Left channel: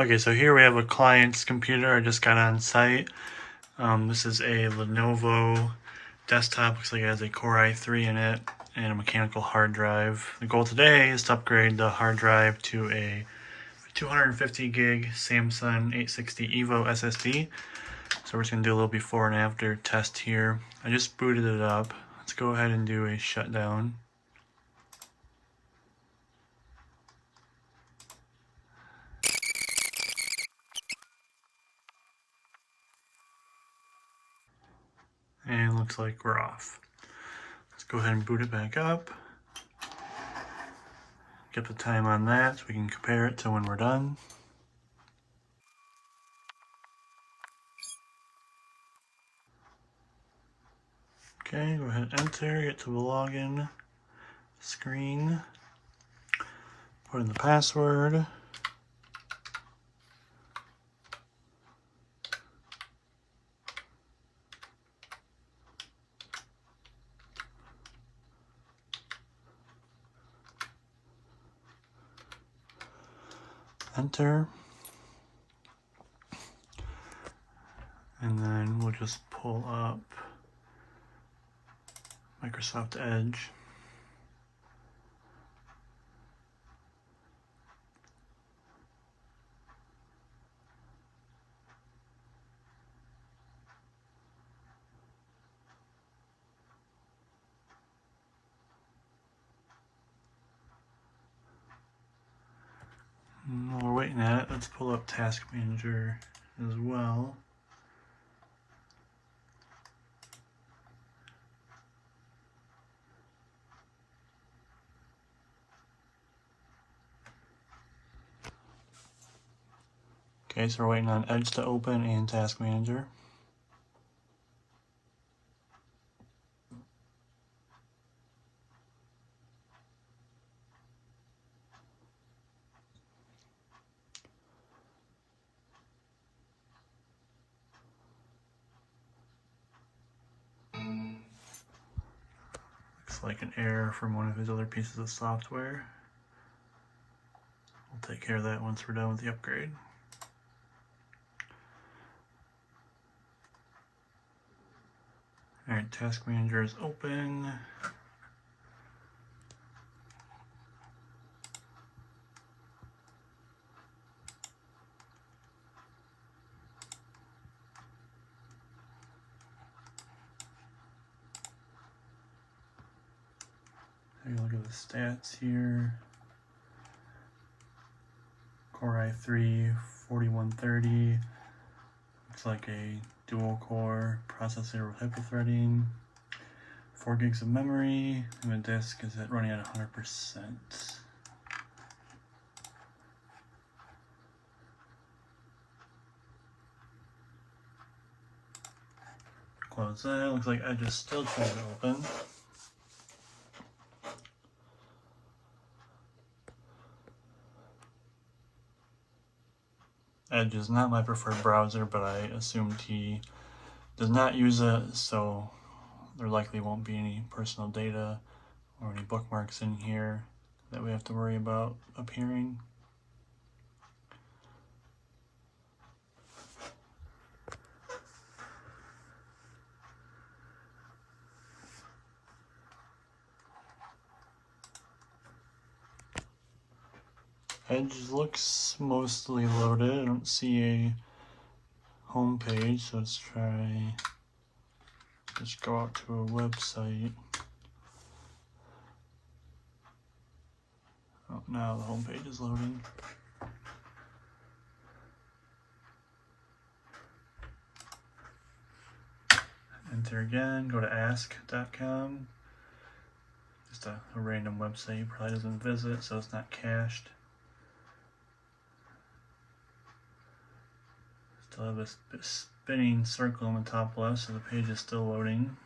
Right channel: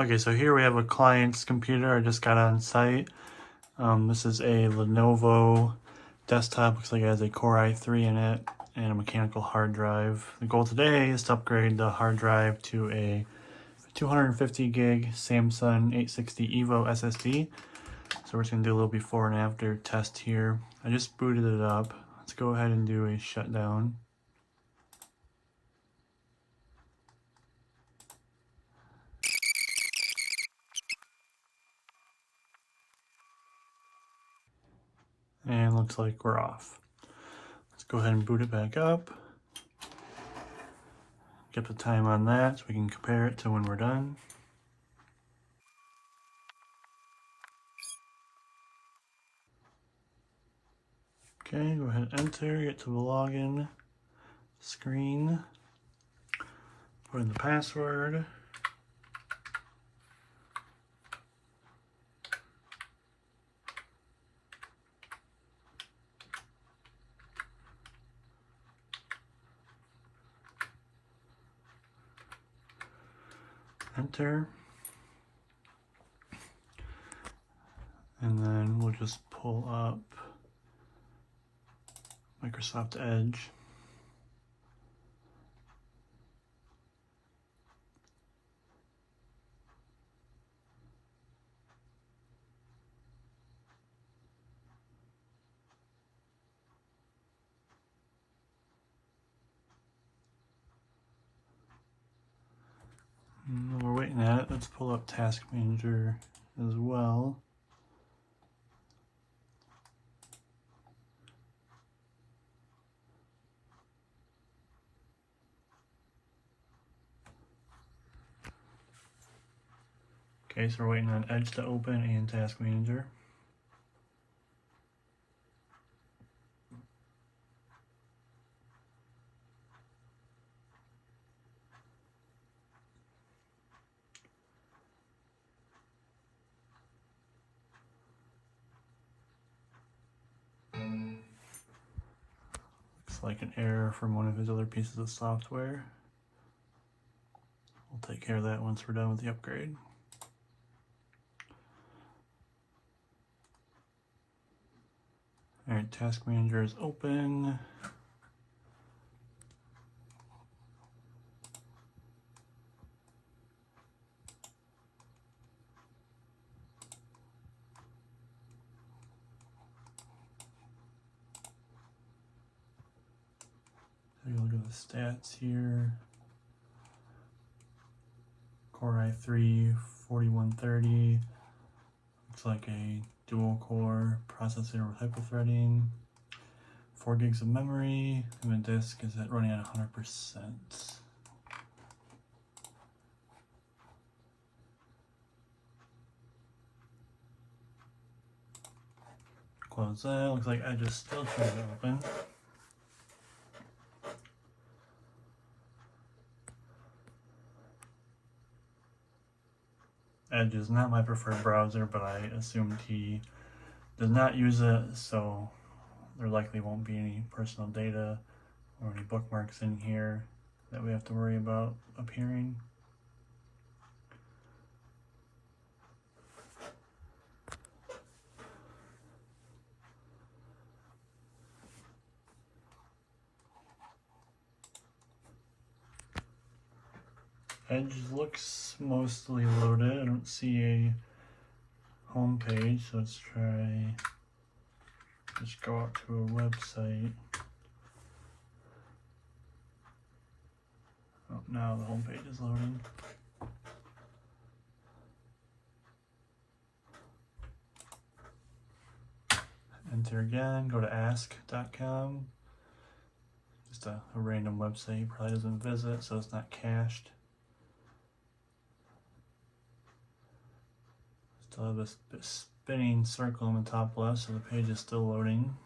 Okay, so here we have a client's computer I just got on site. This is a Lenovo desktop. Looks like it has a Core i3 in it and a mechanical hard drive. The goal today is to upgrade the hard drive to a 250 gig Samsung 860 EVO SSD. So we're just gonna do a little before and after test here. I just booted it up. Let's go ahead and do a shutdown. And looks like we're off. Let's go ahead and boot it back up. Get the time on that so we can compare it to when we're done. Okay, go ahead and enter, get to the login screen, put in the password. Enter. And then we'll just pull up Microsoft Edge. And while we're waiting at it, let's pull up Task Manager as well. Okay, so we're waiting on Edge to open and Task Manager. Looks like an error from one of his other pieces of software. We'll take care of that once we're done with the upgrade. Alright, Task Manager is open. Take a look at the stats here. Core i3 4130. Looks like a dual core processor with hyperthreading. 4 gigs of memory, and the disk is running at 100%. Close that. Looks like Edge is still trying to open. Edge is not my preferred browser, but I assumed he does not use it, so there likely won't be any personal data or any bookmarks in here that we have to worry about appearing. Edge looks mostly loaded. I don't see a home page, so let's try just go out to a website. Oh, now the home page is loading. Enter again, go to ask.com. Just a random website he probably doesn't visit, so it's not cached. Still have this spinning circle on the top left, so the page is still loading.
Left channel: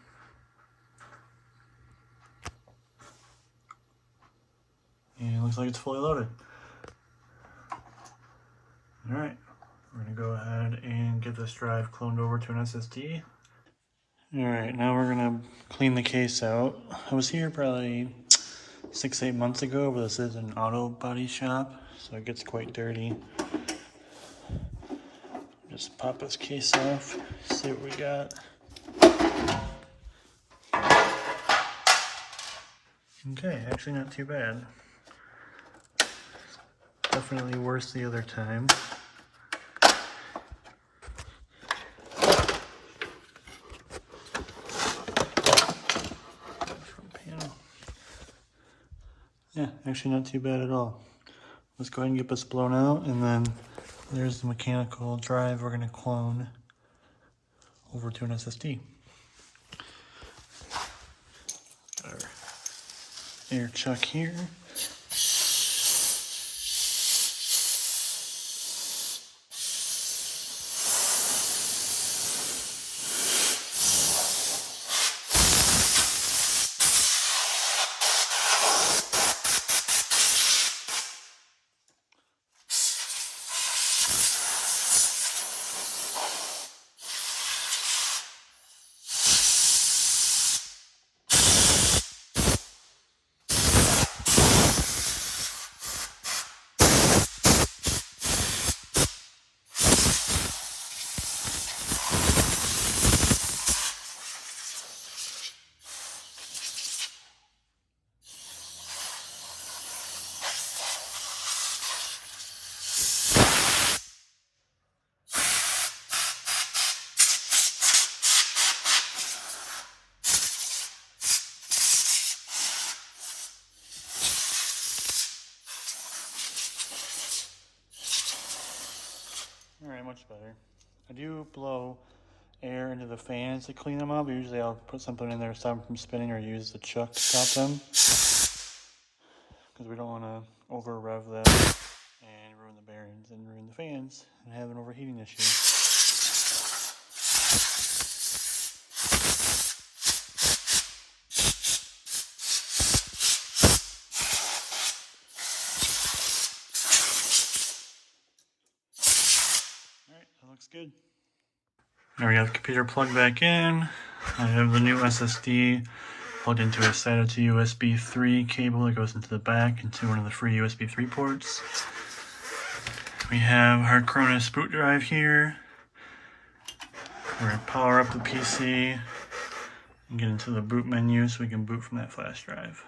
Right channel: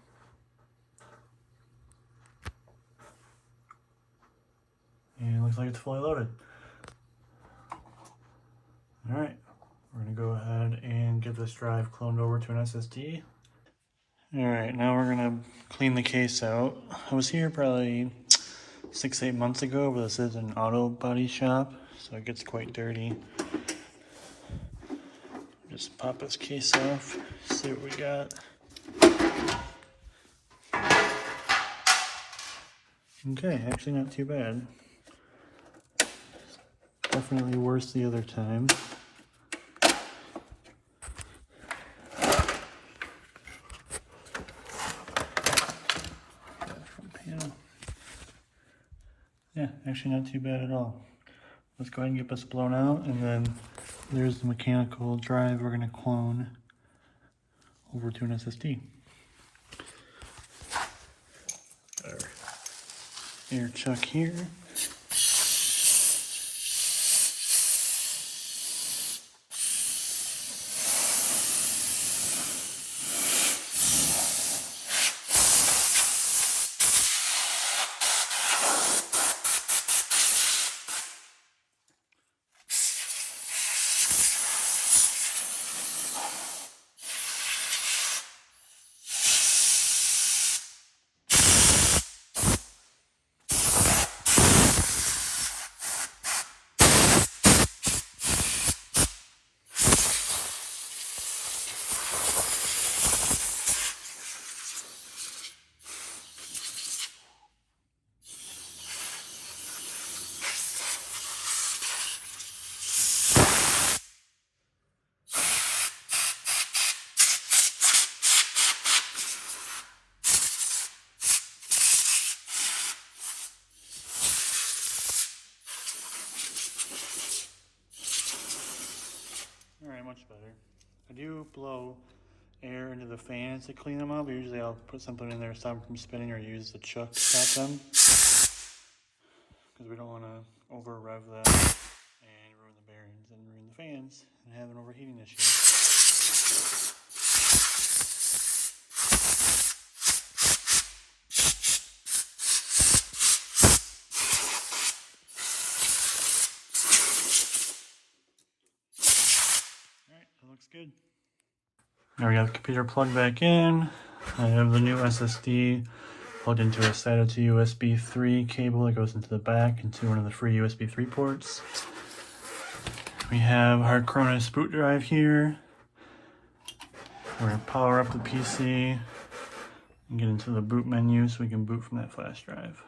And it looks like it's fully loaded. Alright, we're going to go ahead and get this drive cloned over to an SSD. Alright, now we're going to clean the case out. I was here probably 6-8 months ago, but this is an auto body shop, so it gets quite dirty. Just pop this case off, see what we got. Okay, actually not too bad. Definitely worse the other time. Yeah, actually not too bad at all. Let's go ahead and get this blown out, and then there's the mechanical drive we're gonna clone over to an SSD. Our air chuck here. Alright, much better. I do blow air into the fans to clean them up. Usually I'll put something in there to stop them from spinning, or use the chuck to stop them, because we don't want to over rev that and ruin the bearings and ruin the fans and have an overheating issue. Alright, that looks good. Now we got the computer plugged back in. I have the new SSD plugged into a SATA to USB 3 cable that goes into the back into one of the free USB 3 ports. We have our Cronus boot drive here. We're going to power up the PC and get into the boot menu so we can boot from that flash drive.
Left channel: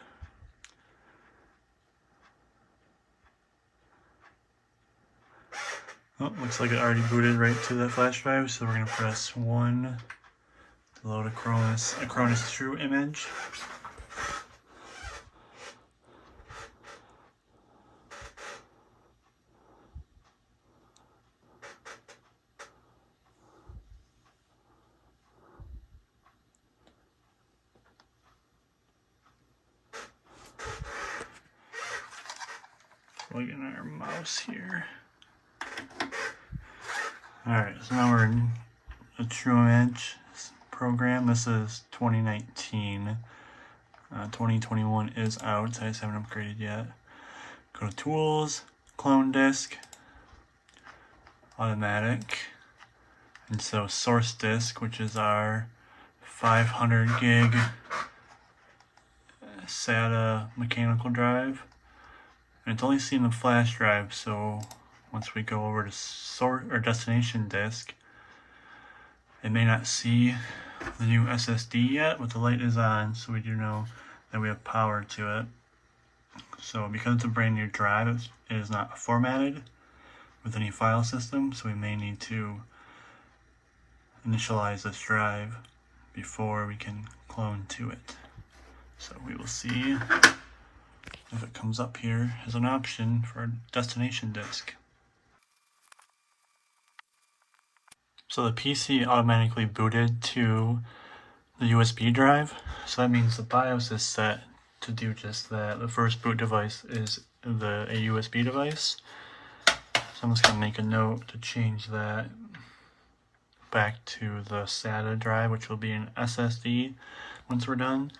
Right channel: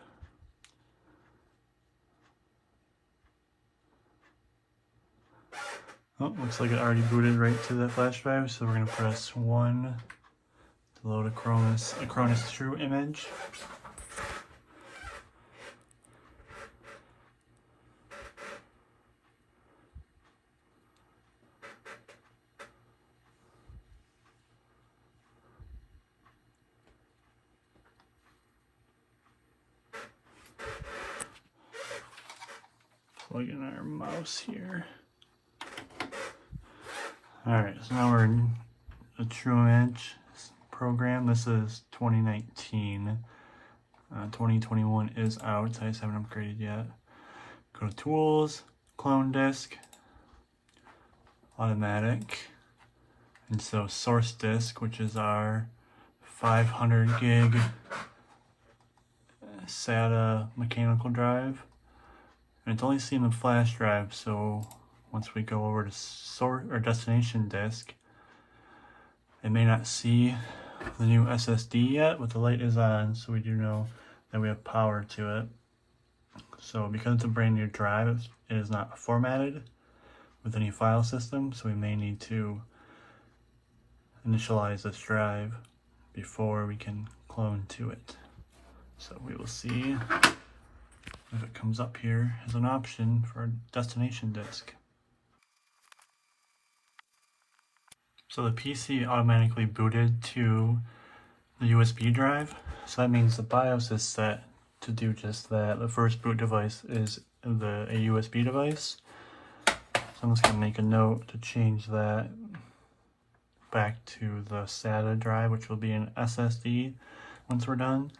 Oh, looks like it already booted right to that flash drive, so we're going to press 1 to load a Cronus True image. Plug in our mouse here. Alright, so now we're in a True Image program. This is 2019. 2021 is out. I just haven't upgraded yet. Go to Tools, Clone Disk, Automatic. And so Source Disk, which is our 500 gig SATA mechanical drive. And it's only seen the flash drive, so once we go over to source or destination disk, it may not see the new SSD yet, but the light is on, so we do know that we have power to it. So because it's a brand new drive, it is not formatted with any file system, so we may need to initialize this drive before we can clone to it. So we will see if it comes up here as an option for a destination disk. So the PC automatically booted to the USB drive, so that means the BIOS is set to do just that. The first boot device is a USB device, so I'm just going to make a note to change that back to the SATA drive, which will be an SSD once we're done.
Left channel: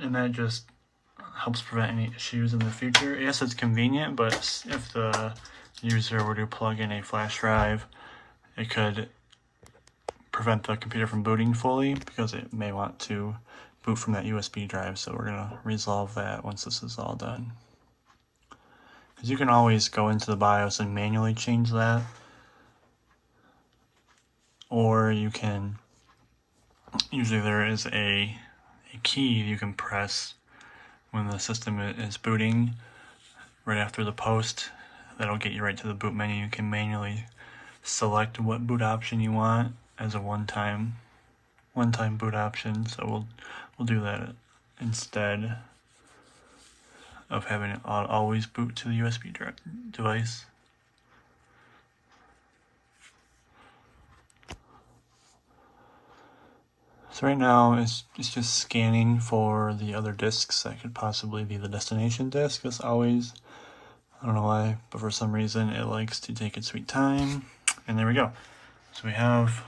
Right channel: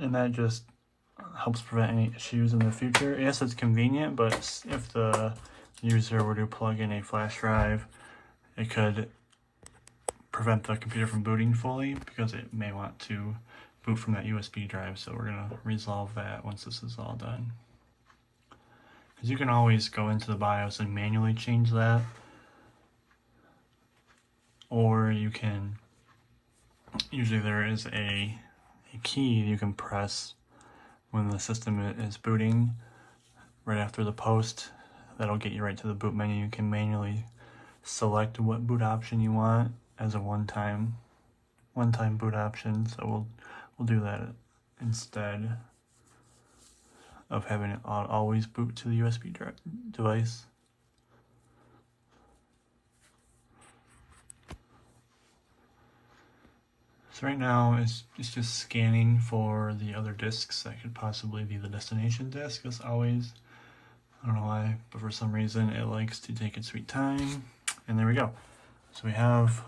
And that just helps prevent any issues in the future. Yes, it's convenient, but if the user were to plug in a flash drive, it could prevent the computer from booting fully because it may want to boot from that USB drive. So we're going to resolve that once this is all done. because you can always go into the BIOS and manually change that, or you can, usually there is a key you can press when the system is booting right after the post. That'll get you right to the boot menu. You can manually select what boot option you want as a one-time boot option. So we'll do that instead of having it always boot to the USB device. So right now it's just scanning for the other disks that could possibly be the destination disk. As always, I don't know why, but for some reason it likes to take its sweet time. And there we go. So we have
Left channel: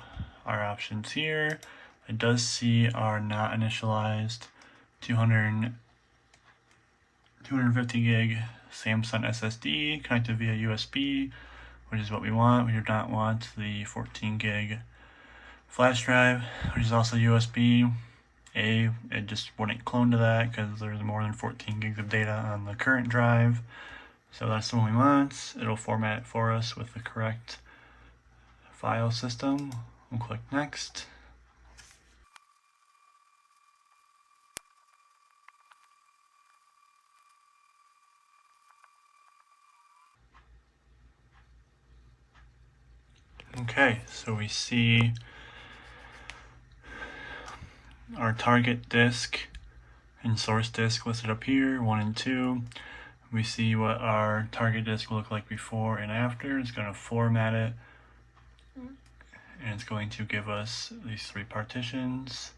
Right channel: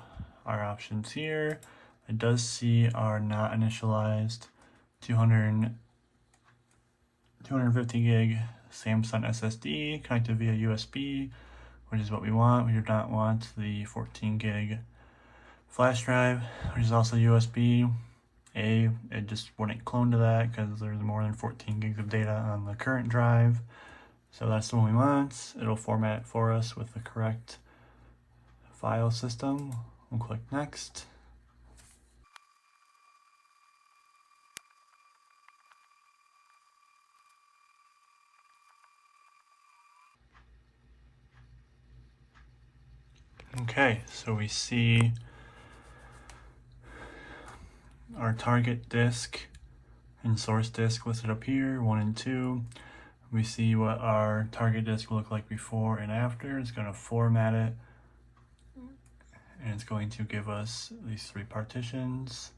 our options here. It does see our not initialized 250 gig Samsung SSD connected via USB, which is what we want. We do not want the 14 gig flash drive, which is also USB. It just wouldn't clone to that because there's more than 14 gigs of data on the current drive. So that's the one we want. It'll format it for us with the correct file system. We'll click next. Okay, so we see our target disk and source disk listed up here, 1 and 2. We see what our target disk will look like before and after. It's going to format it, and it's going to give us these 3 partitions.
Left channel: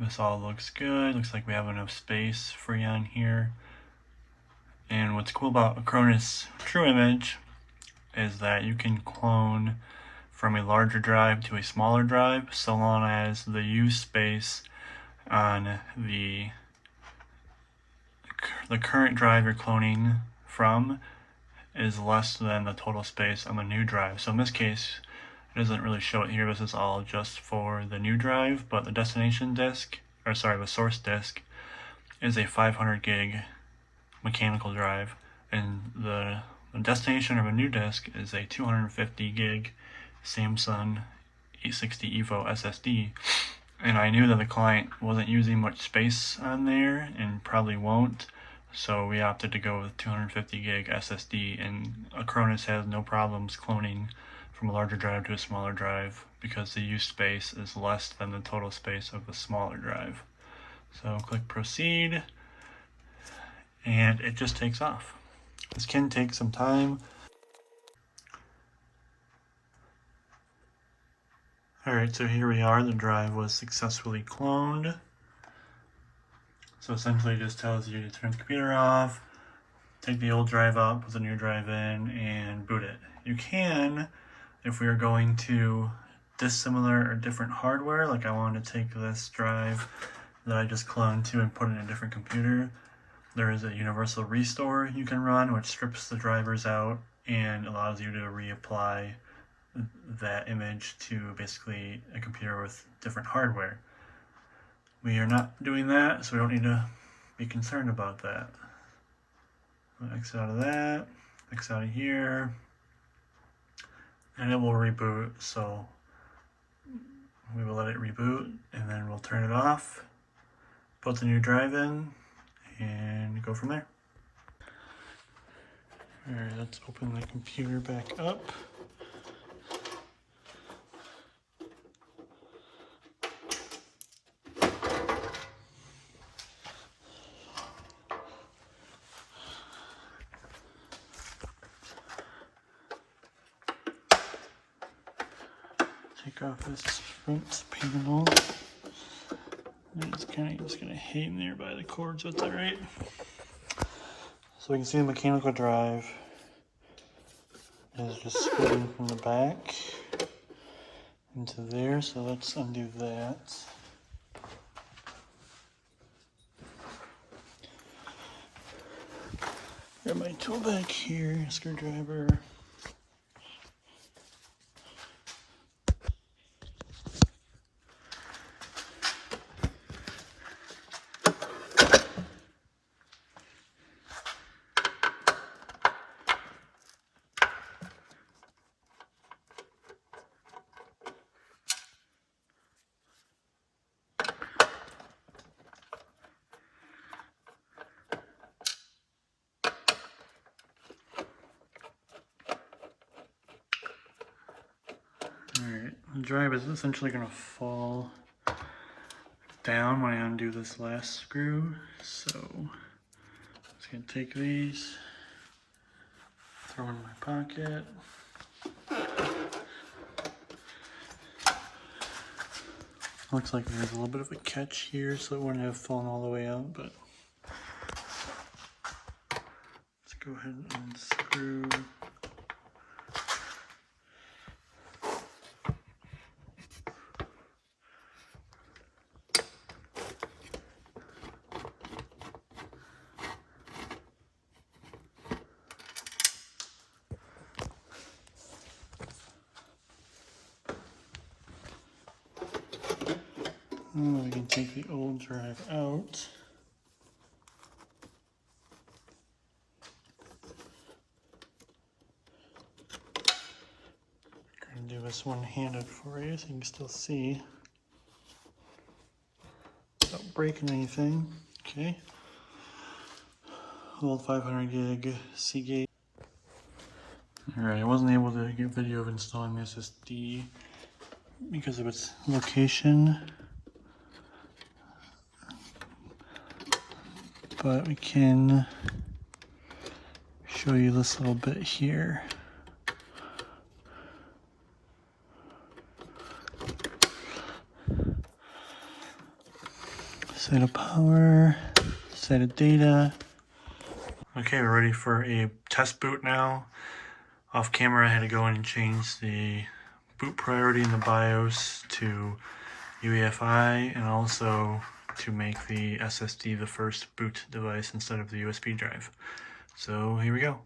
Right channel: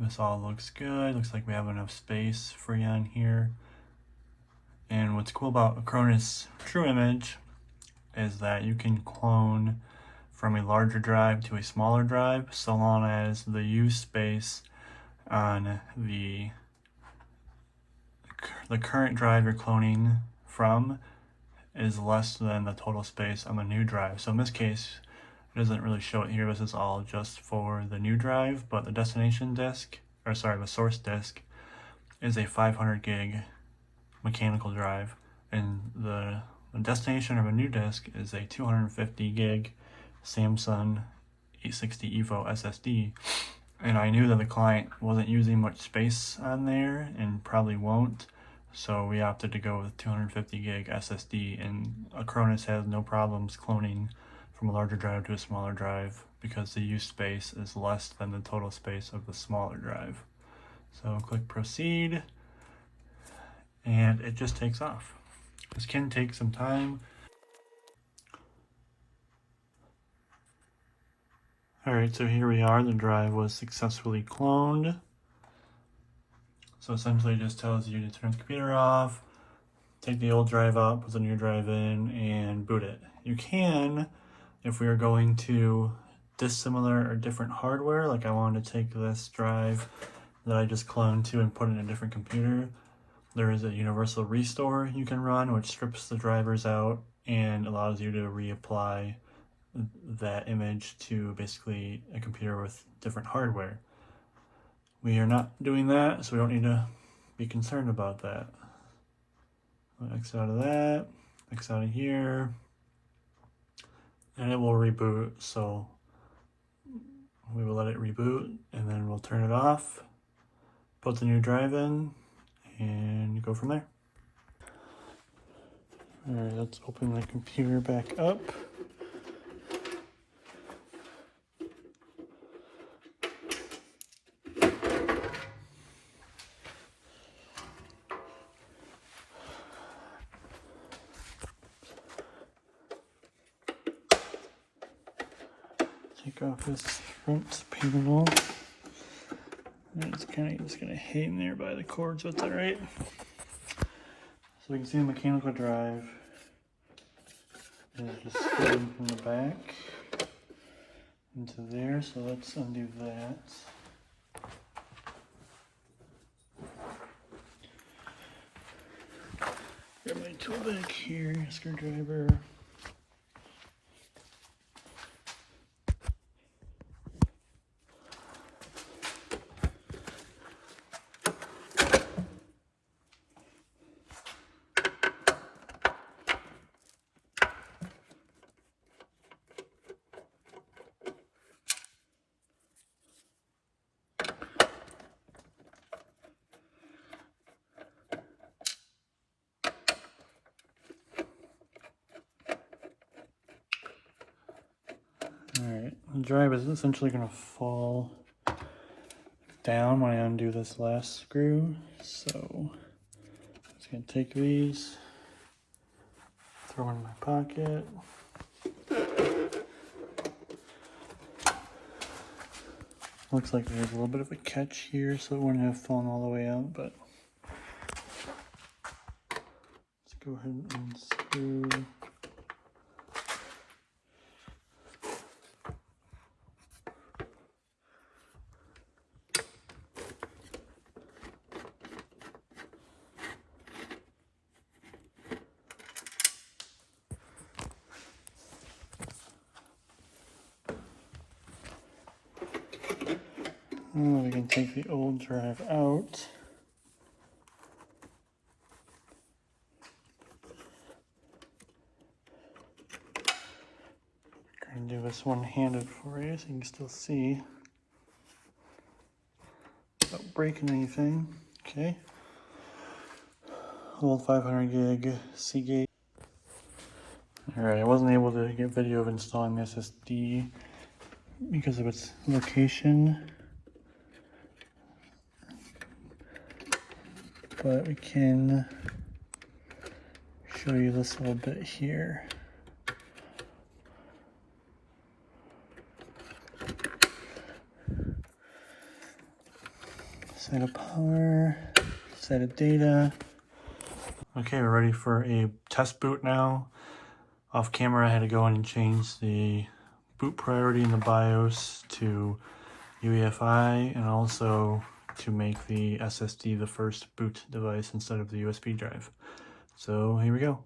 This all looks good. Looks like we have enough space free on here. And what's cool about Acronis True Image is that you can clone from a larger drive to a smaller drive so long as the use space on the current drive you're cloning from is less than the total space on the new drive. So in this case, it doesn't really show it here. This is all just for the new drive, but the destination disk, or sorry, the source disk is a 500 gig mechanical drive, and the destination of a new disk is a 250 gig Samsung 860 EVO SSD. And I knew that the client wasn't using much space on there and probably won't, so we opted to go with 250 gig SSD, and Acronis has no problems cloning from a larger drive to a smaller drive because the use space is less than the total space of the smaller drive. So click proceed, and it just takes off. This can take some time. Alright, so here we are. The drive was successfully cloned. So essentially it just tells you to turn the computer off, take the old drive out, put the new drive in, and boot it. You can, if we are going to dissimilar or different hardware, like I wanted to take this drive that I just cloned to and put it in a different computer, there is a universal restore you can run, which strips the drivers out and allows you to reapply that image to basically a computer with different hardware. We are not doing that, so we don't need to be concerned about that. I'll exit out of that, exit out of here, and it will reboot. So we will let it reboot, and then we'll turn it off, put the new drive in, and go from there. Alright, let's open the computer back up. Take off this front panel. And it's kind of just gonna hang there by the cord, so it's all right. So we can see the mechanical drive is just screwing from the back into there. So let's undo that. Got my tool back here, screwdriver. Alright, the drive is essentially going to fall down when I undo this last screw, so I'm just going to take these, throw them in my pocket. Looks like there's a little bit of a catch here, so it wouldn't have fallen all the way out, but let's go ahead and unscrew. We can take the old drive out. I'm gonna do this one-handed for you so you can still see without breaking anything. Okay. Old 500 gig Seagate. Alright, I wasn't able to get video of installing the SSD because of its location, but we can show you this little bit here. Set of power, set of data. Okay, we're ready for a test boot now. Off camera, I had to go in and change the boot priority in the BIOS to UEFI and also to make the SSD the first boot device instead of the USB drive. So here we go.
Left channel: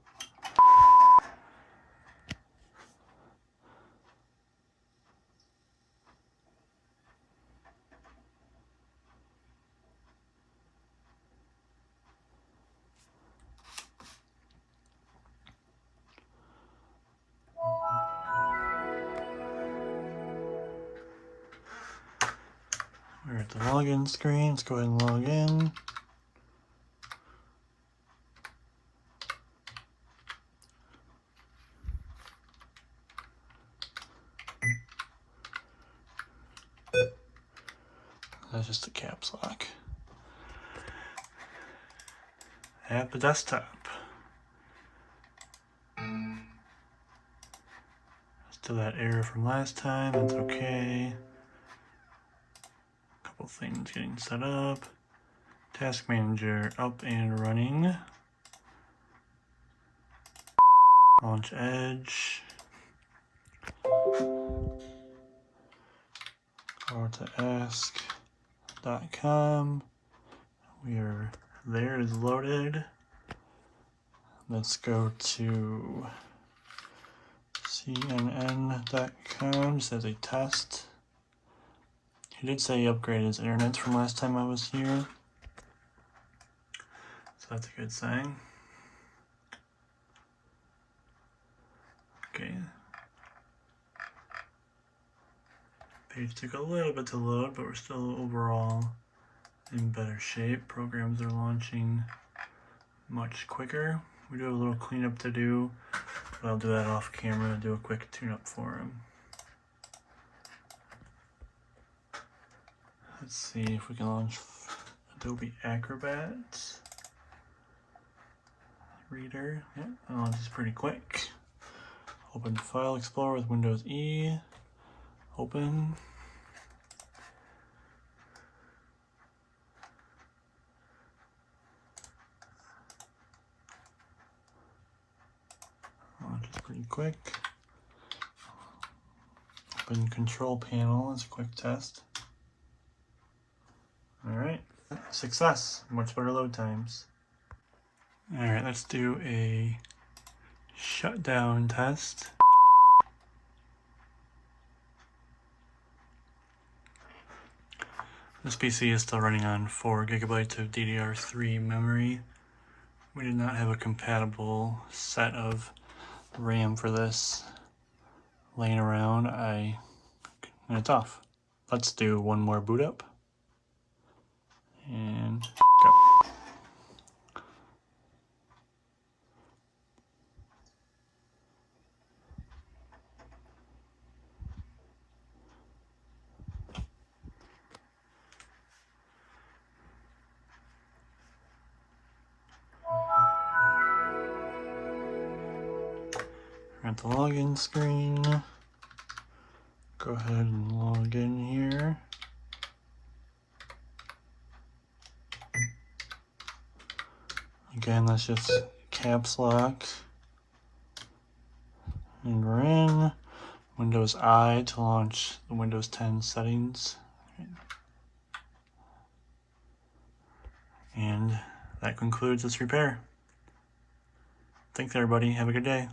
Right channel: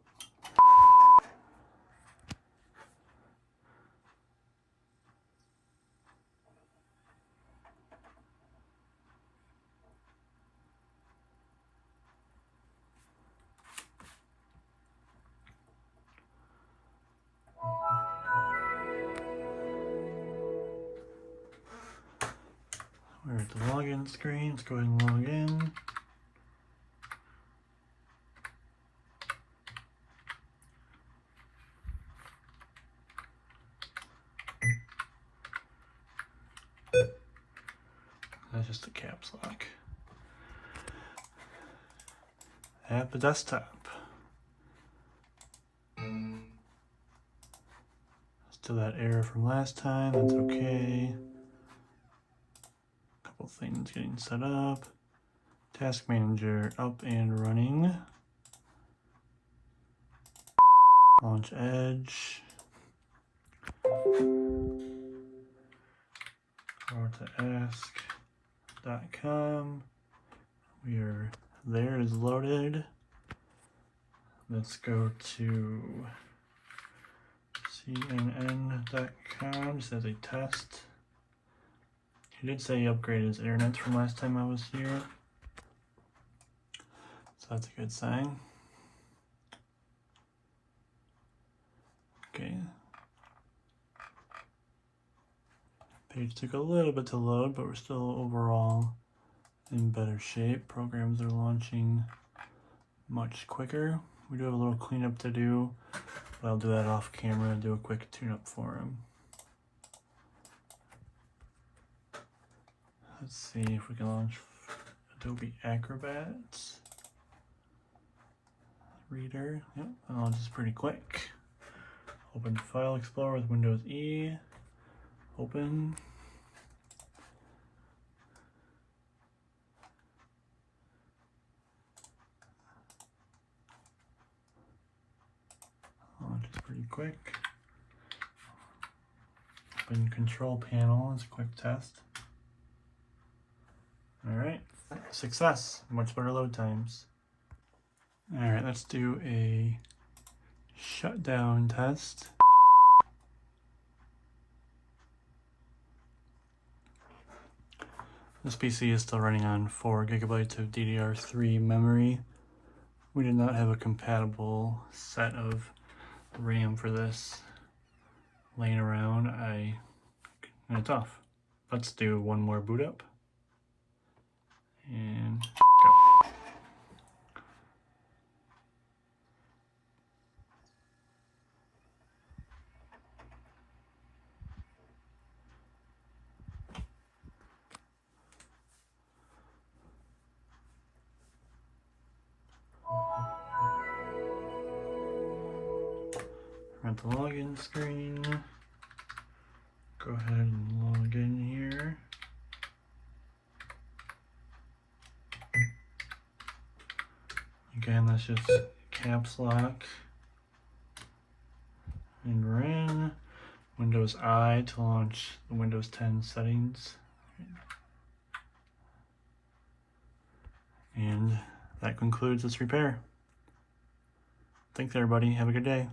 We're at the login screen. Let's go ahead and log in. That's just a caps lock. At the desktop. Still that error from last time, that's okay. Couple things getting set up. Task manager up and running. Launch Edge. Go to ask.com. We are there, it's loaded. Let's go to cnn.com just as a test. He did say he upgraded his internet from last time I was here, so that's a good sign. Okay. Page took a little bit to load, but we're still overall in better shape. Programs are launching much quicker. We do have a little cleanup to do, but I'll do that off camera and do a quick tune-up for him. Let's see if we can launch Adobe Acrobat Reader. Yep, that launches pretty quick. Open File Explorer with Windows E. Open. Launches pretty quick. Open Control Panel as a quick test. Alright, success. Much better load times. Alright, let's do a shutdown test. This PC is still running on 4 gigabytes of DDR3 memory. We did not have a compatible set of RAM for this laying around. And it's off. Let's do one more boot up. And go. We're at the login screen. Go ahead and log in here. Again, that's just caps lock. And we're in. Windows I to launch the Windows 10 settings. And that concludes this repair. Thanks everybody, have a good day.